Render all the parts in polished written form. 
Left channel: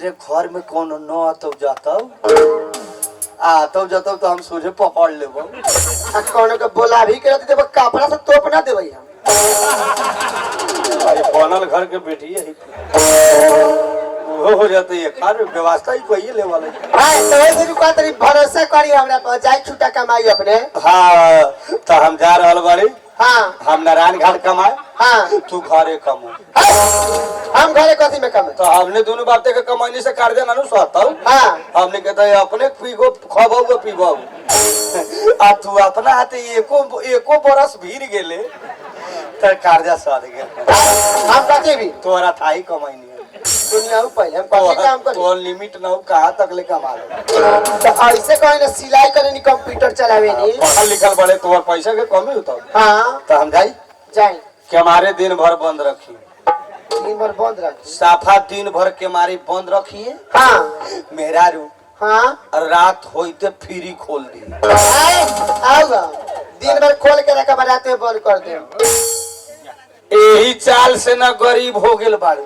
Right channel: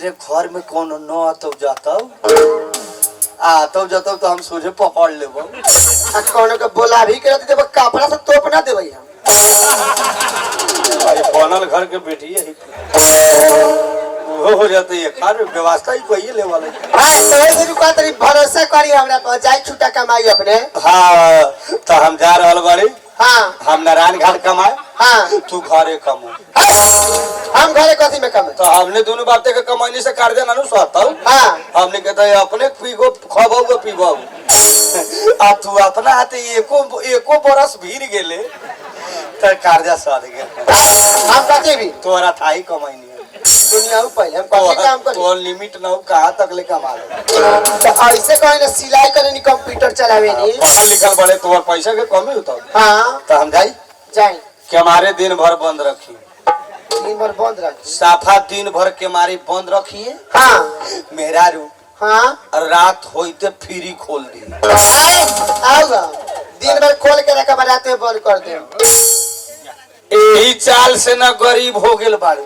रे घर में कौन न तो जाता तब जाता तो हम सोचे पकड़ लेबो कौन के बोला भी कर देबो कपड़ा से तोप ना देबे हम अरे बनल घर के बेटी है वो हो जाते है खाने व्यवस्था ही कोई ले वाला हां तो वही भी को तरी भरोसा करी हमरा पर जाई छुटा कमाई अपने। हां तो हम जा रहल बाड़ी। हां हम नारायण घाट कमाए। हां तू घरे कमा। हम घरे कथी में कमाए तो हमने दोनों बातें के कमाई से कर्जा ना सहतल। हां हमने कहता है अपने पीगो खबो पीबो आ तू अपना हाथे एको बरस भीड़ गेले त कर्जा सध गेल। हम कथी भी तोरा थाई कमाई नहीं दुनिया पहले हम कथी काम करी तो लिमिट ना कहां तक ले कमा ले तो ऐसे कोई ना सिलाई करे नी कंप्यूटर चलावे नी पढ़ल लिखल बड़े तोर पैसा के कमी होता। हां तो हम जाई कि हमारे दिन भर बंद रखी दिन भर बंद रखी साफा दिन भर के मारी बंद रखिए। हां मेरा रू हां रात होते फ्री खोल दी आओ दिन भर खोल के रखा बनाते बंद कर दे। यही चाल से ना गरीब हो गेल बाड़ू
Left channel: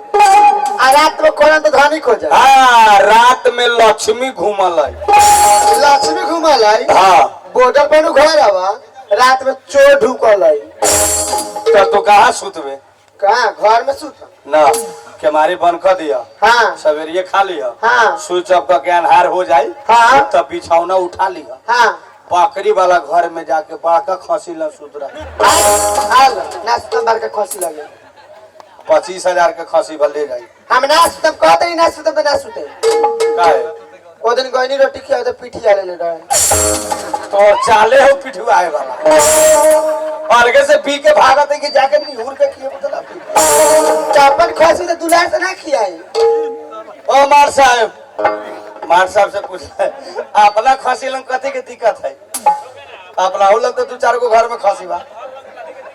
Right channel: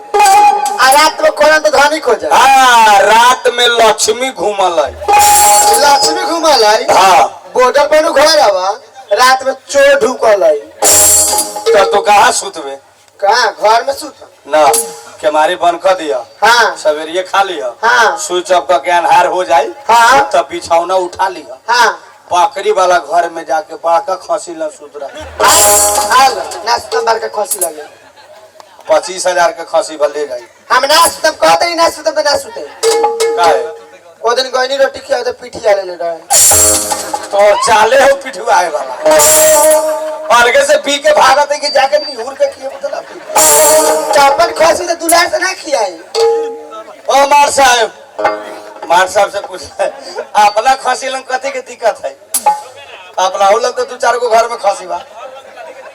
आ रात में खोलन तो धनिक हो जाए। हां रात में लक्ष्मी घूमल है। लक्ष्मी घूमल है। हां बॉर्डर पर घर आवा रात में चोर ढुकल है तो तू कहां सुतबे कहां घर में सुत ना के मारे बंद कर दिया। हां सवेरे खा लिया। हां स्विच ऑफ करके अन्हार हो जाए। हां तब बिछौना उठा लिया। हां बकरी वाला घर में जाके बड़का खसी ला सुत रहा। हां नाश्ता बार के खसी लगे 25,000 के खसी भले जाई। हम नाश्ता कहते ही नाश्ता पे ना सुते काहे ओ दिन गईनी रोटी खिया तो पिठिया ले रहे तो चाले हो पिठुआए वाला अलगे से पी के भागत है कि जाके नहीं उड़ के खिए बतला चापन खसी तो दुलार से ना खियाई। ओ मार साहब से पूछ अपना खसी लंग कथी के दिक्कत है अपना हो लग तो तू चार को घर में खसी बा।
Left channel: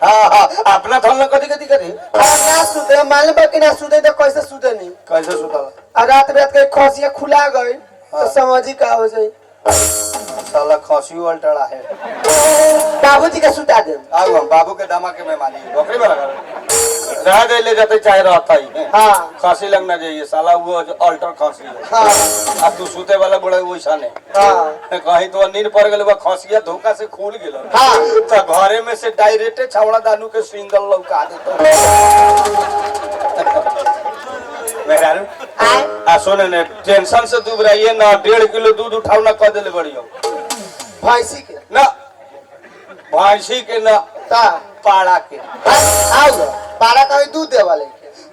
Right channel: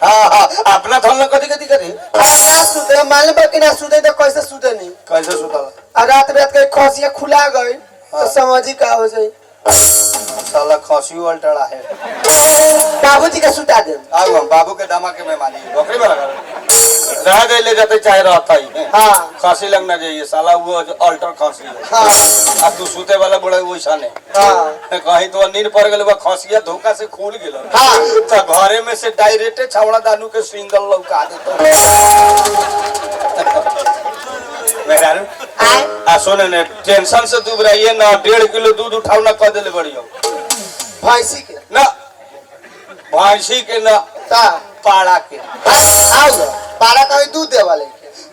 हां अपना थल कथी के दिक्कत है ना सुते मालूम कि ना सुते तो कैसे सुते नहीं कैसे सुतल रात रात के खसिया खुला गई तो समझी का हो जाए साला खसी उल्टा है। बाबूजी के सुता दे आगो हम बाबू के दामा के मेहमानी बकरी वाला रह गए ले जाते चाहे रहता ही। हां खसी लगना चाहिए साला वो अल्टर खसी है। हां अब तू सूते वाला बड़ा वैसा ने हां कहीं तो नींद पड़ गेल बा खसिया धोखा से खुल गेल। हां तो घरे में से डायरेक्ट छावड़ा दानू के सिंगल लौका देतो मेहरारू आ सुने ने टेंशन से दूर रहिए ना 1.5 किलो दूध उठाओ ना कर देले बढ़ियो भैंसी के ना भैंसी के ना ता पाड़ा के आओ पाड़ा का दूध दे वाले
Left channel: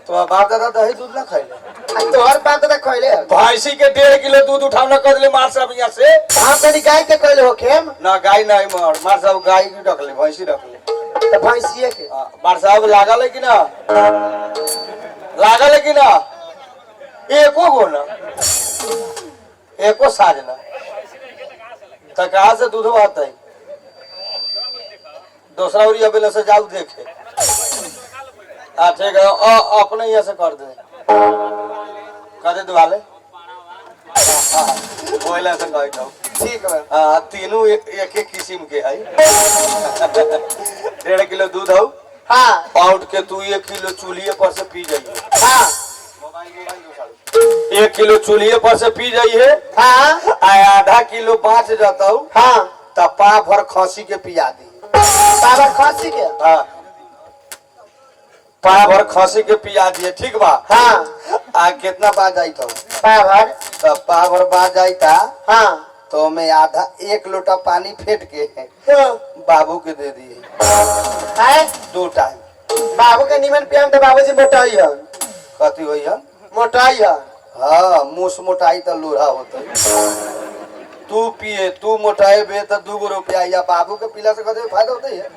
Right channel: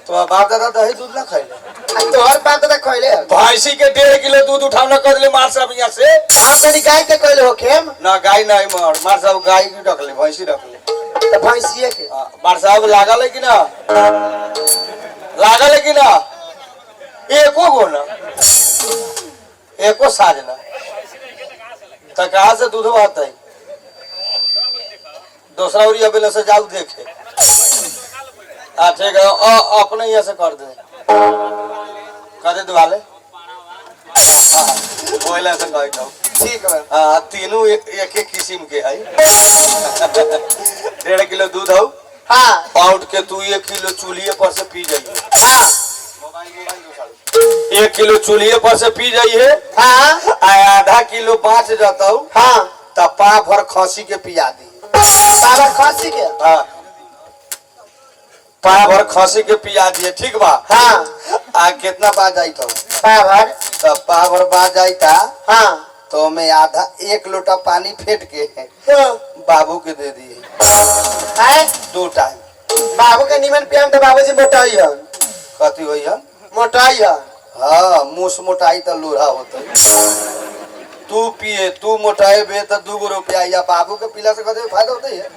तो बाप दादा दही दूध ना खाइले तोहर बात तो खइले भैंसी के 1.5 किलो दूध उठाओ ना कर देले मार साहब यहां से। हां तनी गाय के कहले हो खेम ना गाय नहीं मार साहब गाय की रख ले भैंसी रख ले तो भैंसीए के मार साहब लागल है कि ना लागल है कि ना एको गो ना एको साज ना तो कहां से दूध आता है दूसरा उरी अबेला से जाऊ देखे। ठीक है अपने यहाँ से कर दे कर दे वाले बोला से कह दो ठीक है। हां तीनों एक किस्म के है 1.5 किलो दूध हो। हां पाउड के तू 1 किलो चूल्हे पर से पी जाइए। हां 1 किलो चूल्हे पर से पी जाइए। हां आधा किलो बाँच जाता हूँ। हां तब पा भर खसी के पिया दी बाबा खसी के हाँ पा भर खसी के पिया दिए ठीक बा। हां आ कितना बात जाई था बाबा तब पा भर बात जाई था। हां तो मैं आधा 1 लोटा पानी फेंट के बाबू के दे दिए है 2 टाइम। बाबू के निमन पियम तो बाबूजी मोटाई है कथी होई है मोटाई है। हाँ मुस मोटाई तो लोढ़ा होता है तू पिए तू मोटाए बे तो 2 रुपया या बाबू के पीला से कदे फायदा होता है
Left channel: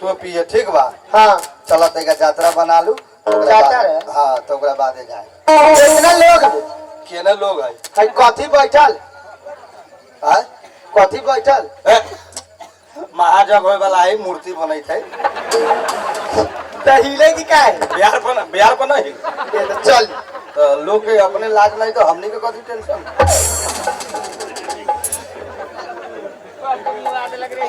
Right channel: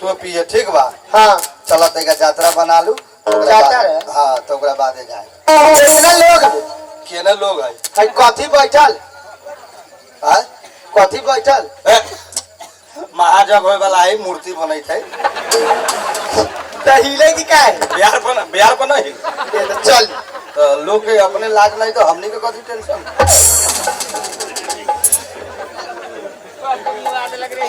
तू पिए ठीक बा। हां चला तेगा यात्रा बना लू यात्रा है। हां तो ओकरा बाद जाए कितना लोग केना लोग है है कथी बैठल हां कथी बैठल महाजग होय वाला है मूर्ति बनै थे त हिले की का है बिहार पर नहीं ये तो चल तो लोग के अपने लाज नहीं तो हमनी के कथी टेंशन लग रही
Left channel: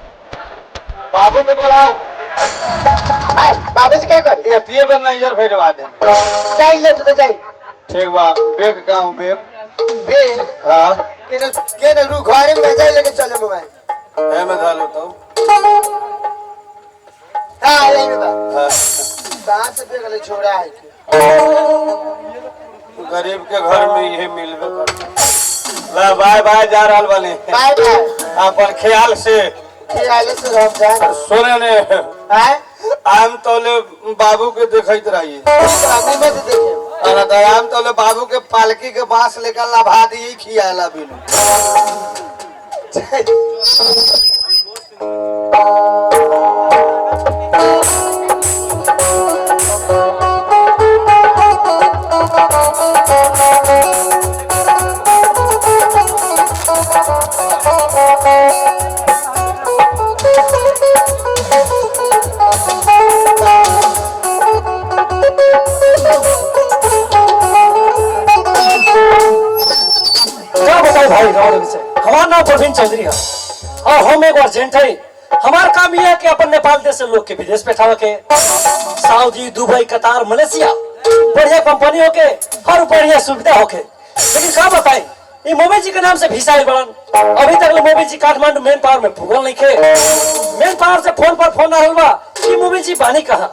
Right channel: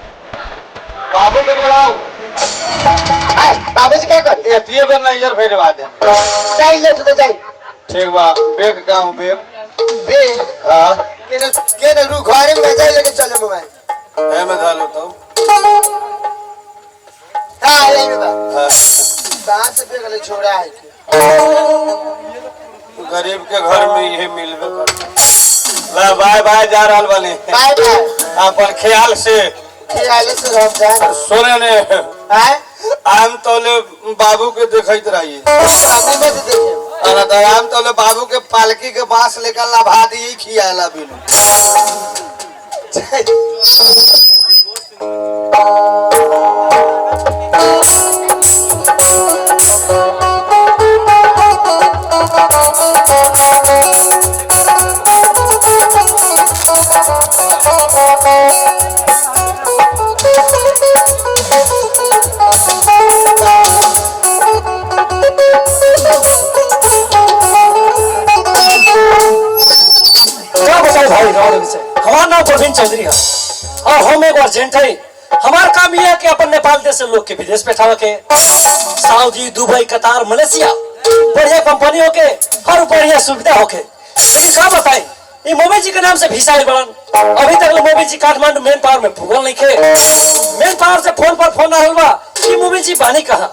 बाबू के बोलाओ बाबू से क्या कर ये पिए पर नहीं यार फेर बात है चाहिए तो चाहिए ठीक बा बेग गांव बेग बे हां के ना रू घरे में जाए लेके चले मोबाइल मैं डालो तो हां यही में बा हाँ। कहां से बेग ले छोड़ा है गरीब के घर में यही मिलबे कर ला बाय बाय जा रहल बानी बाय बाय अपन ख्याल से खियाले से रह जाए सोने ने हैं आम तोले बाबू के देखत रहिए सामने में से देखिए अरे तो आम तोले बाबू के पालकी के बांस लेकर लभा दिए खियाला बिनु भाई हमारा नाम प्रवीण चौधरी है और हम एक अर्जेंट है। हमारा काम यह है कि अपन नेपाल देश से लोग के विदेश बैठावे के सऊदी दुबई कतार मलेशिया बढ़िया कंपनी होके हर बढ़िया सुविधा होके। लेकिन क्या बताएं ये मोदी जी के नाम से वीसा आई बड़न अभी तक मोदी जी काठमांडू मेन पावर में भूगल नहीं खे। मेन पावर से फोन पर फोन आ रहा कि मोदी जी बानी कहा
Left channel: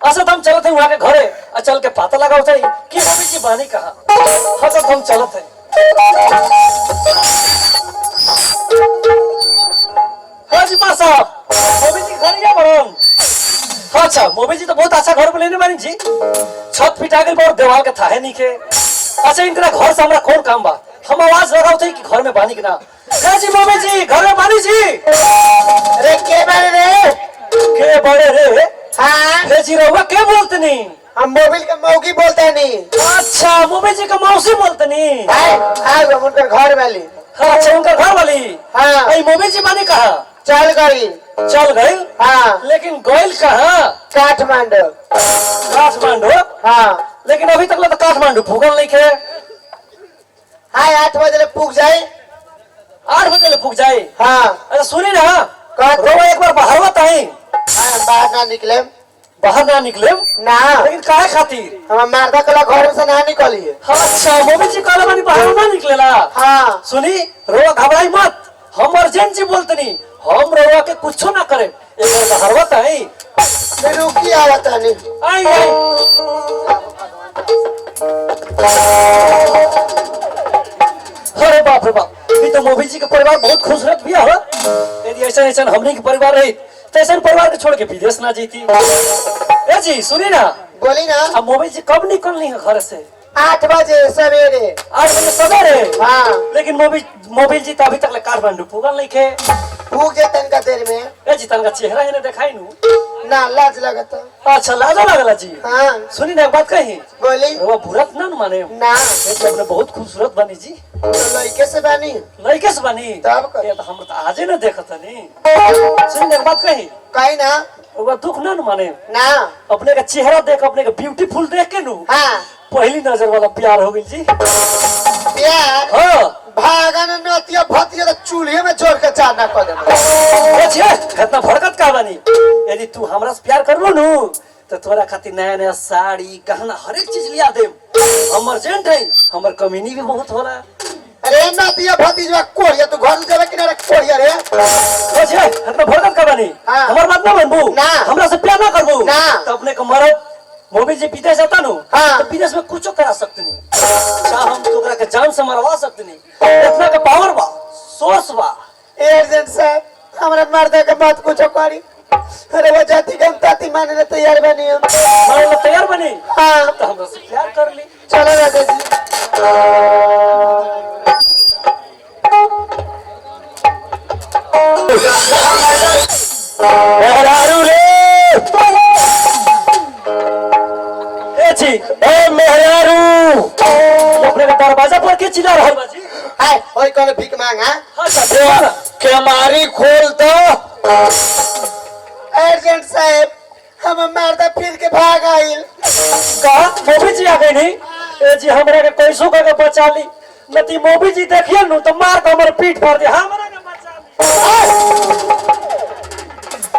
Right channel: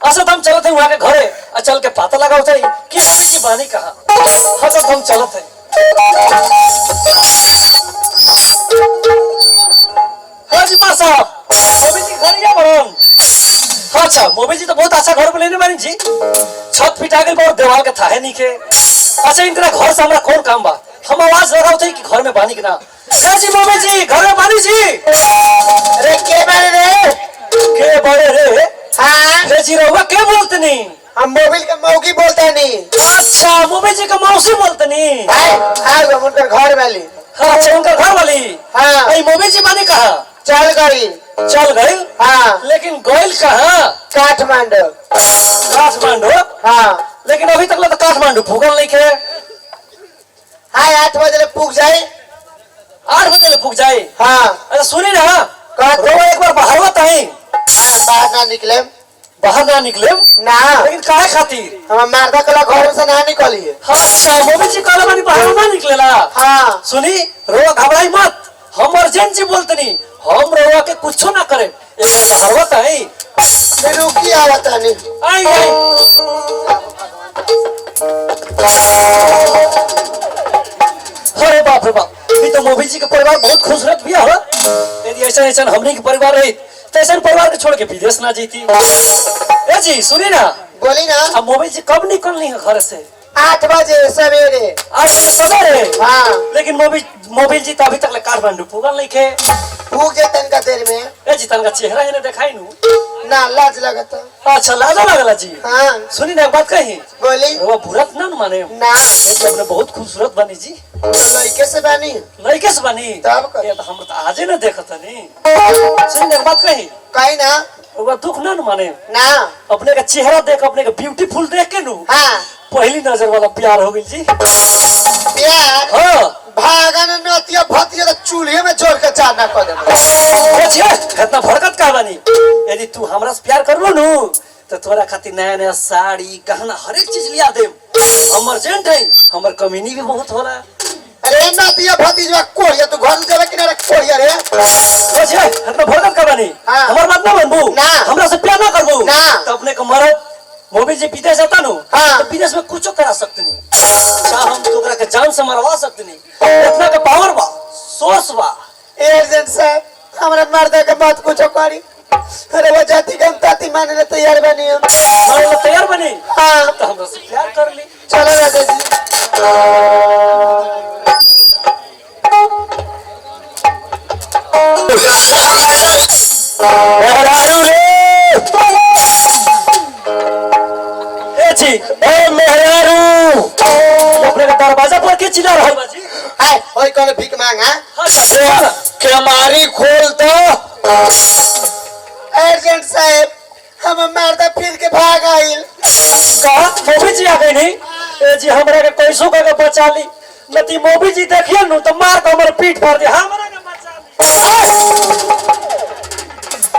असत हम चलते हैं वहाँ के घरे और चल के पता लगाओ थे कि मोदी जी बानी कहा हसत हम चलते हैं। हाँ जी माँ साहब मोदी जी घर या बड़न अच्छा मोदी जी तो बहुत अच्छा घर लेने वाली जी छत पिटा गई और देवाल के थाहे नहीं के। अच्छा इनका घर से हमारा कौन काम बा हम आवाज लगाओ थे कि घर में बानी के ना क्या जी मोदी जी घर में बानी जी अरे के बड़े रे हाँ रे जी रहुआ क्या बोलते नहीं हम मोबाइल का मौगी बोलते हैं नहीं अच्छा मोदी जी का मौसी बोलते नहीं हाँ उनका घर वाली अच्छा उनका घर वाली हाँ मोदी जी बानी कहा चल गई हाँ लेकिन गोयल कहा काठमांडू काठमांडू हाँ लेकिन अभी तक तो काठमांडू भूगल नहीं खे। हाँ 8 बजे पूग जाए 8 बजे पूग जाए हाँ अच्छा सुनी ना रो एक बार बाहर मत आई बाहर ना निकले ना लेकिन काहे खातिर हम मारदा कला घर से ना निकलिए अच्छा मोदी जी कहले बानी बाहर ना निकलेला हाँ सुनी रोवा घबराई मत हम अर्जेंट बोलते नहीं हम रोवा के कुछ ना करे एक बार बाहर मत आई रुकी आवत नहीं आई आई अरे बाप रे बाप ये तो मोदी जी के परिवार बहुत खूबसूरत भी है। यदि ऐसा ऐसा हमने के परिवार रही तो ऐसा परिवार के छोड़ के विदेश ना जीती। ए जी सुनी ना बोली ना अब मोदी जी कब निकलनी है घर से 8 बजे सवेरे 8 बजे सवेरे हाँ लेकिन मोदी जी तो अभी तक काठमांडू पुगल नहीं खे। भूख जे तनका देर में ए जी तनका चेहरा है ना दिखाई नू ना लाज लगता अच्छा लाजो लगला जी हाँ सुनी ना एक बात कही बोली वो बुरत ना माने ना अपने बहुत खूबसूरत बनी जी तो लड़के से बानी लड़के से बनी तब कर ये तो हम तो आजे ना देखत नहीं सुनी ना एक बात कही कहीं ना वो दुख ना माने ना अपने का चेहरा देख अपने का ब्यूटीफुल देख के नू हाँ पहली नजर वाला प्यार हो गई जी। प्यार हाँ भागन नतिया भतिया तो चूल्हे में जोड़ के चार ना कर दे। इतना भड़कत का बनी। यदि तू हमरा से प्यार करबो नु तो तोरा खातिर नया नया साड़ी गहना हर एक चीज लिया दे। हम अर्जेंट है, हमर कमीनी भी बहुत होला। अरे नतिया भतीजा कोरिया तू घर जावे कि ना कोरिया रे। इतना भड़कत का बनी। हाँ। हमर बात ना मानबू, ना। हमरा से प्यार ना करबू ना। तो अपने को मरद मोबिल जी विदेश जाता नु हाँ। तो विदेश में कुछ करा सकते नहीं। चाहे हम तोकरा के जान से मरवा सकते नहीं। इतना का पावर बा, सोच बा। एजेंट साहब हमरा मर्द के मत कुछ करी। अरे वो जाति के हम ताती माने ले तैयार बनी हम। मारे ला तैयार बनी हाँ तो हमरा से प्यार कर ली। चलो राजा जी। मेहरारू रे ए जी, ए मेहरारू अपने के दरवाजा पर के चिल्ला रहल बा जी। हाय ओए कौन भीख मांगा। हाँ चाचा केमारी खोल तो। एजेंट साहब हम मर्द फिर के भाग आइल। कहा मोबी जी आ गई नहीं। ए जी हमरा के कैसो के बचा ली नती। मोबी जी देखिए नु तो मार के हमर पीठ फाड़ दे। हमरा के बचा ली।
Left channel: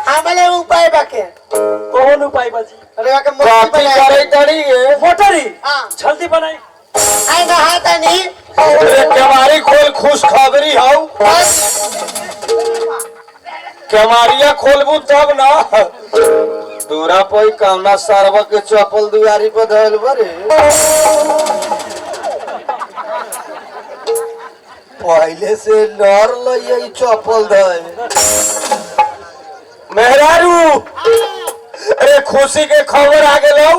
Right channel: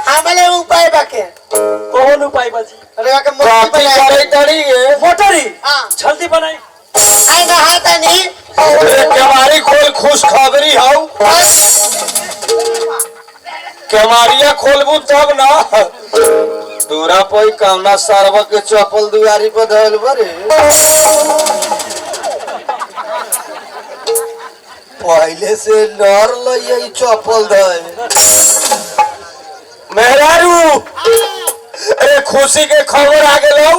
हमले उपाय बाके कौन उपाय बाजी? अरे वाके मोटी बनाए तड़ी गे। मोटरी हाँ। जल्दी बनाई। आई ना हाथ नहीं। अरे केमारी खोल, खुश खबरी हाउ। केमारिया खोलबू तब ना। दूरा पोई कामना सारवा के चप्पल दुआरी पर धइल बरे। पहले से डर लई चप्पल धइल। मेहरारू अरे खुशी के खबर आ गेलौ।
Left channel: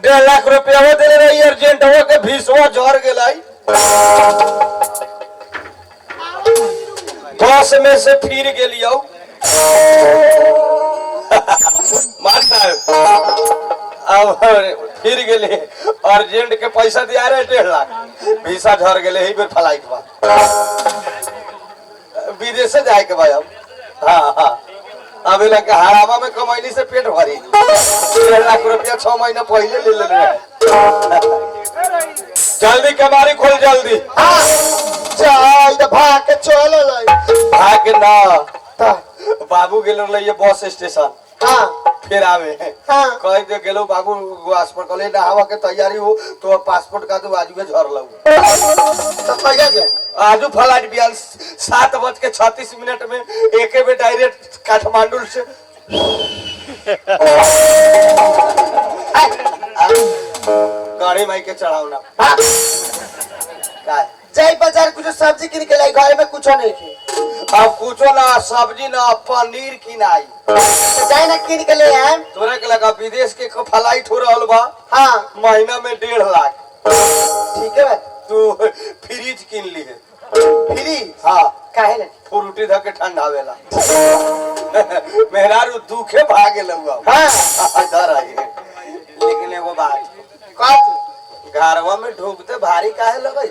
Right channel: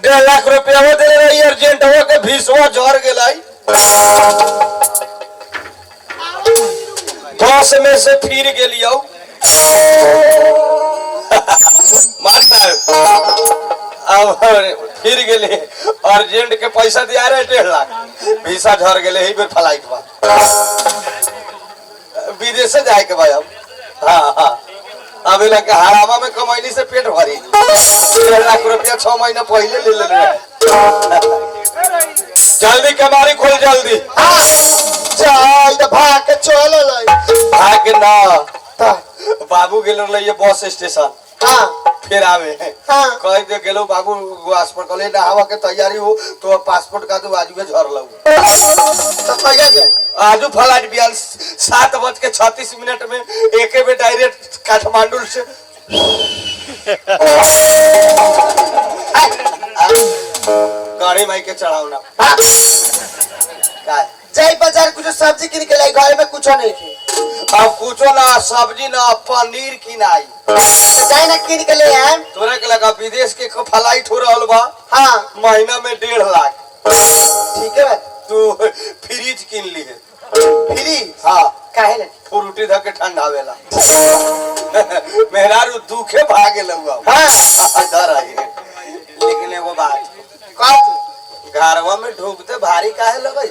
1.5 लाख रुपया वो दे रही अर्जेंट हो के भीसवा झड़ गेलाई। बस में से फिर गेलियो। मार साहब अब फिर गेले अर्जेंट के पैसा दिया रहे 1.5 लाख। भीसा झड़ गेले ही बेर फ्लाइट बा विदेश से जाए के भाई। अब हाँ हाँ अब लगे हरामा में कमैनी से पेट भरी। 1.5 लाख रुपया 6 महीना पहले ले ले रहे। जल्दी केमारी खोल जल्दी। जा इधर भाग के चलो लाई। भाग ना ता बाबू गेलो लइए बस स्टेशन। हां फिर आवे हाँ। कह दे गेलो बाबू पासपोर्ट कले नहावा के तैयारी हो तो पासपोर्ट का तो आजू में झर लऊ। तो कहिया जे आजू फ्लाइट बियान 7:36 में एके में डायरेक्ट काठमांडू से। गाड़ी माई के चढ़ावना हां का जाई बाजार कुछ सब्जी किन के लाई। घर में कुछ नहीं थी। अब कुछो ना सब्जी ना पनीर किनाई। तो जाई ना किन के ले आए। तोरा के लगा विदेश के फ्लाइट हो रहल बा। हां महीना में 1.5 लाख। ठीक है तू फ्रिज किन ली है। फ्री हाँ काहे ले। फ्रूटी धके ठंडावेला। मेहरारू दुखे भागे लउआ। हां इधर आई लेकिन एगो बात कौन घरवा में ढूकते भारी काहे लगई।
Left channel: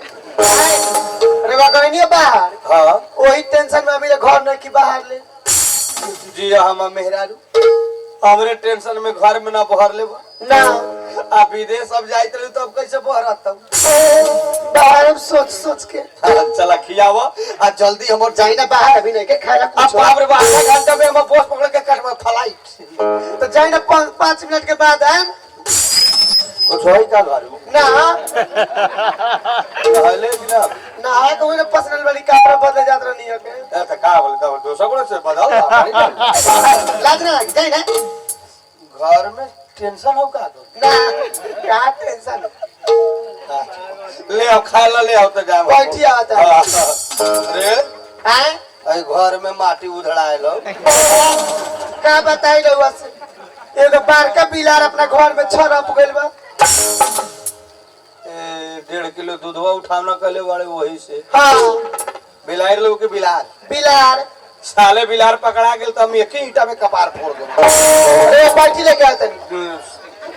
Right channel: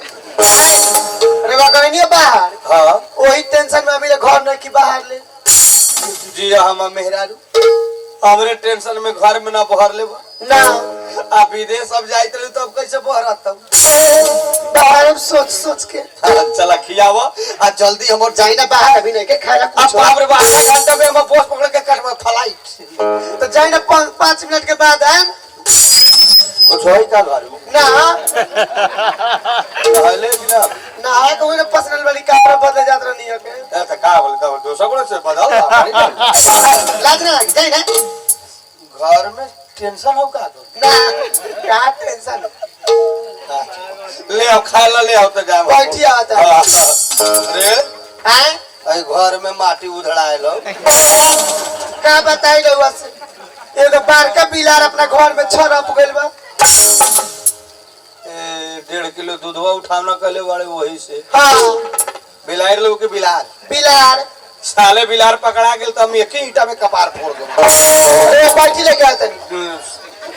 अरे वागनिया बाहर हाँ वही टेंशन में अभी घर नहीं की बाहर ले। जी हम मेहरारू हमरे टेंशन में घर में ना बहर ले ना आ विदेश अब जाइत रही तो अब कैसे बहरत। बाहर हम सोच सोच के चला खियावा आ जल्दी हमर जाई ना बाहर अभी नहीं के खाना अब कुछ। बाप रे बाप आधा घंटा में हम बस पकड़ के कटवा फ्लाइट। तो जाई ना 5 मिनट के बाद आए कुछ होई का घर में ना पहले भी ना ना है कोई ना पर्सनल वाली कपड़ा बदले जात नहीं है के। ऐसा का बोल दो दूसरा को से बदल लाज ना लगी जाई ना। घर में टेंशन हो का तो ना का टेंशन ले आओ खाए ला ले आओ तो जाम बैठी आता है। रे हैं आई घर में माटी उधड़ाए लो। का बताई रहुआ से एगो बारका बिलार अपना घर में छरप गइल बा। 1.5 किलो दूधवा उठावना कहले वाले वही से। हां बिलार लोग के बिलार बिलार साले बिलार पकड़ा गेल तो हम एक ही ईटा में कपार फोड़ दो। अरे बैठी लेके आते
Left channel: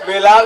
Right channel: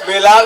बिलार